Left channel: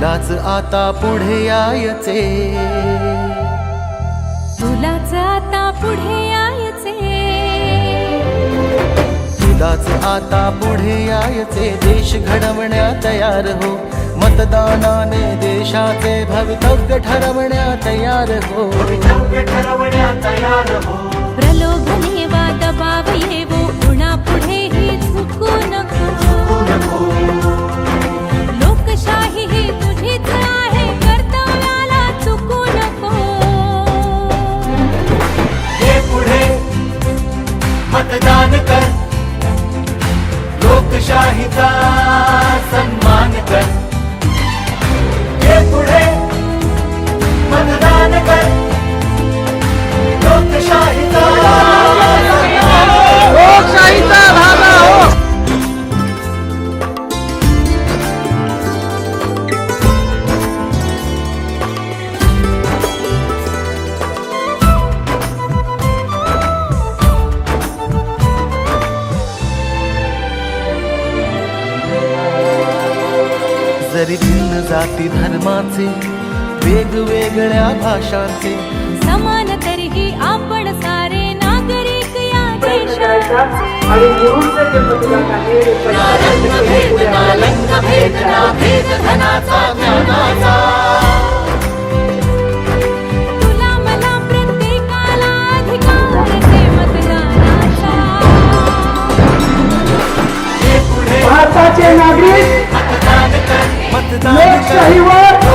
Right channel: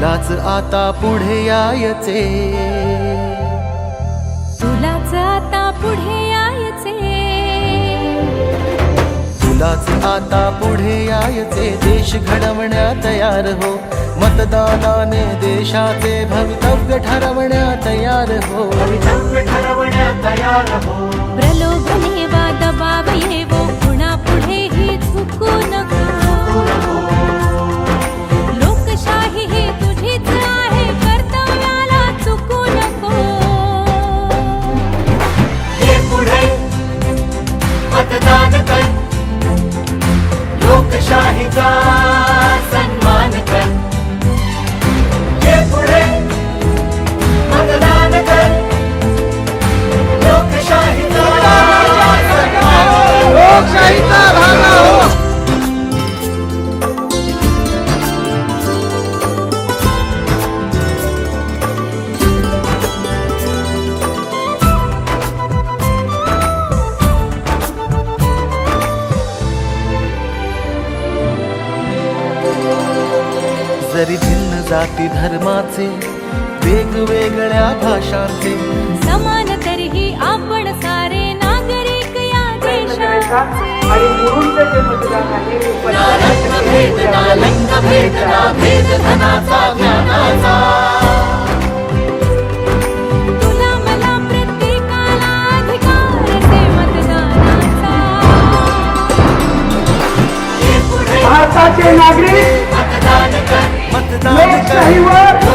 तुलाच आता पुढे यायचे. तुलाच आता पुढे यायचे. तुलाच आता पुढे यायचे. देश घडवण्या तयार हो. मतदानाने देशाचे भवितव्य ठरवण्या तयार हो. 자 जरी भिन्न जाती धर्माचे वेगवेगळ्या भाषांचे. समान तरीही आपण सारे नागरिक या देशाचे. तुला मला प्रत्येकाला अधिकार मतदानाचा. भारताचे नागरिक मतदान कर.